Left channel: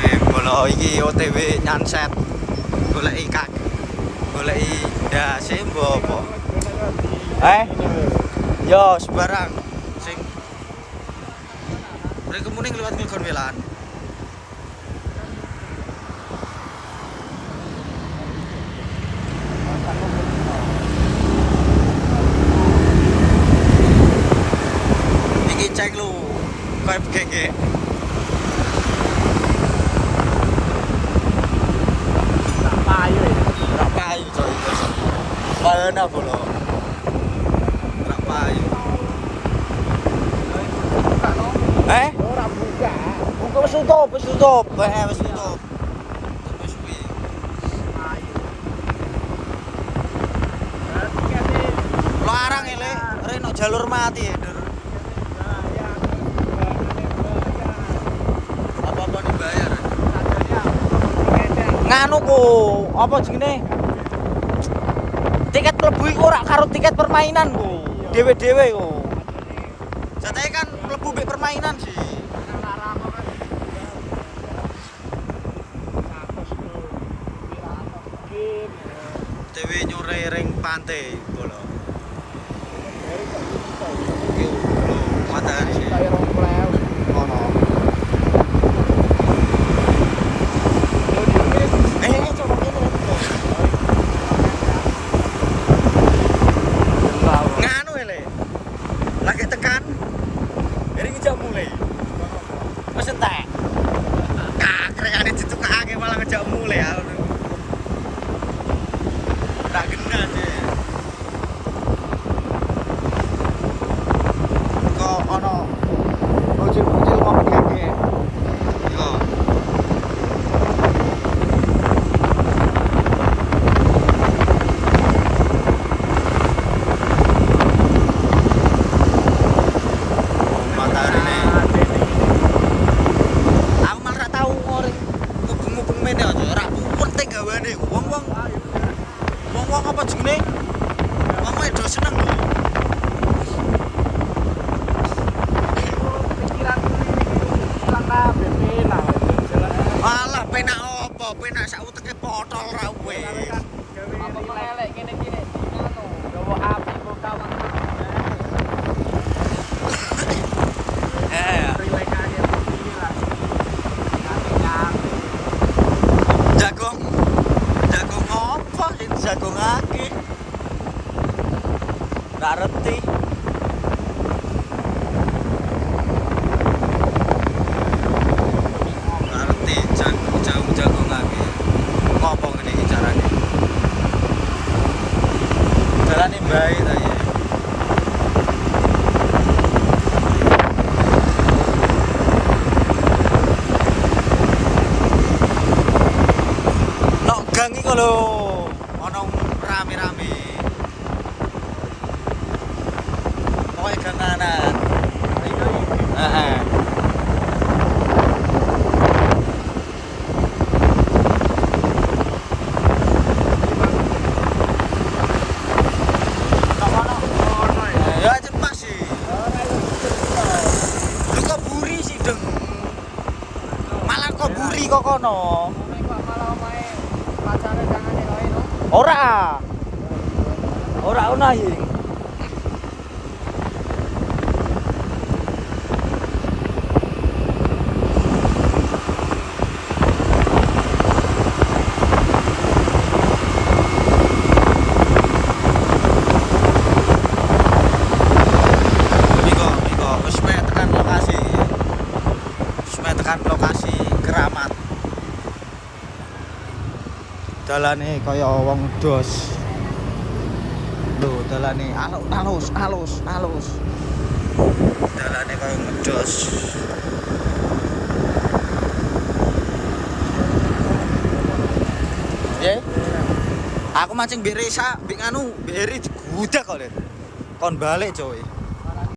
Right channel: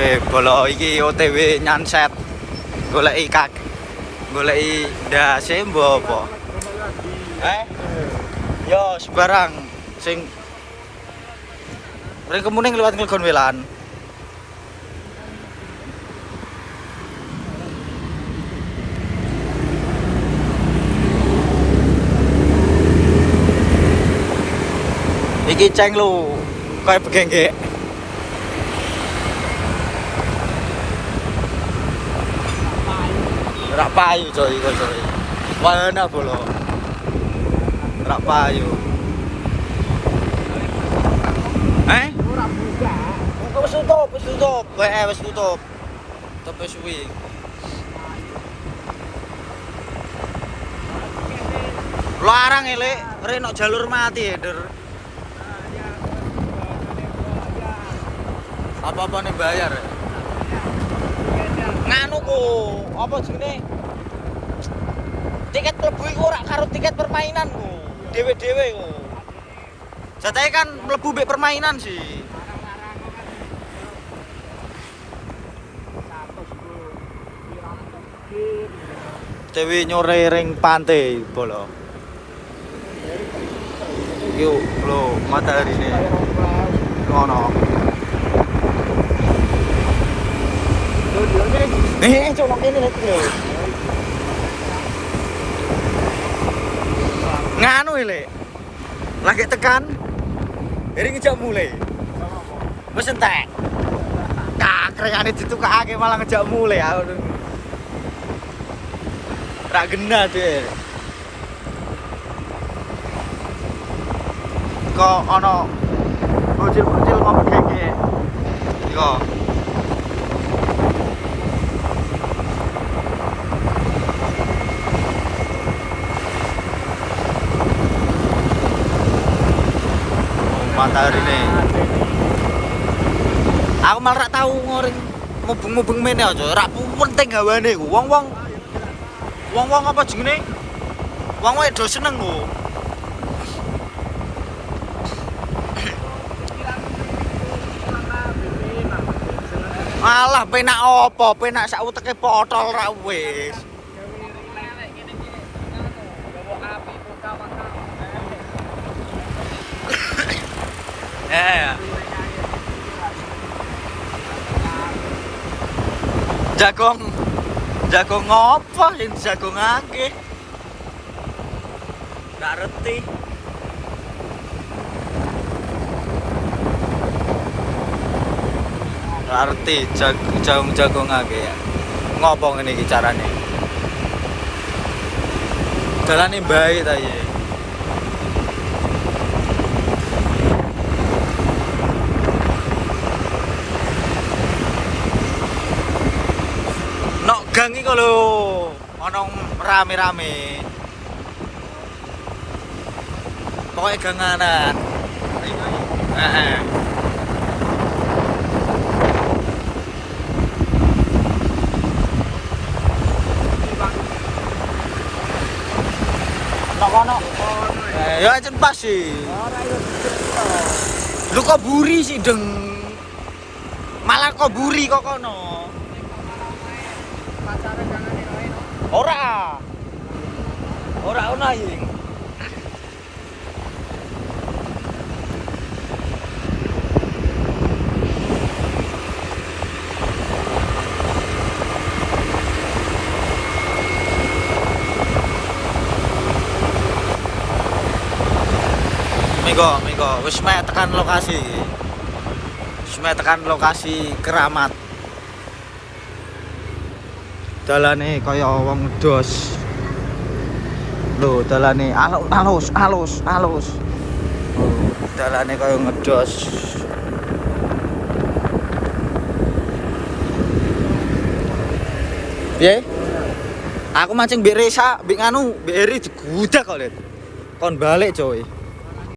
Oke, bolo iki OTW nyanset. Goleki goleki ndase mbok apa? Yo sembarang sing mereka muning lewat Klegon Welan. Iki ceng lu kaya begengge. Rak payu coy. Mana bolo? Rak payu. Ora buka. Buka wis tutup. Wis tutup. Tapi suwi. Larang elek, rene jalur mati ya, Der. Apa-apa nih bayar. Nganu ku, apa jenenge? Tiket mlebu iku ora karo tiket permainan ku. Dewe-dewe ku. Jatahe kan mlebu mbek permainan sih. Dewe nyore ring pantai bolo. Yo, lo matahari sih. Ngono. Coba ini nganu ile. Lagi tekan. Ini ngejak mulai. Wes entek. Tak krekane ditukake malah ngejak mulai aku. Ra genah deh. Kok ono bocil-bocil ngomong gege. Yo. Matahari nih. Aku malah rak tau mubeng-mubeng mene aja. Rak penting gawane ku. Wong-wong apa jenenge? Wong wedo seneng ku. Alah penak apa? Penak sak uteke potol ra wis. Jagong ngopo sing jagongake? Nggak ngerti. Nggak ngerti jagongake ya. Ngopo ngene iki carane? Carane bae ta iki. Gang iki lho ono rame-rame. Pokoke ganganan. Iku. Heeh. Ya jen pas sih. Ora yo lu kok buri sih deng. Malah kok buri kok kono. Ora ono iki. Miko, wis mek tekan lokasi. Wis mek tekan lokasi keramat. Dalane kaya wong dos. Lho, dalane halus. Dalane kaya ngedos. Piye? Aku mancing mbek Resa, mbek nganu, mbek Eri digudak kok, Len. Kon balik, coy.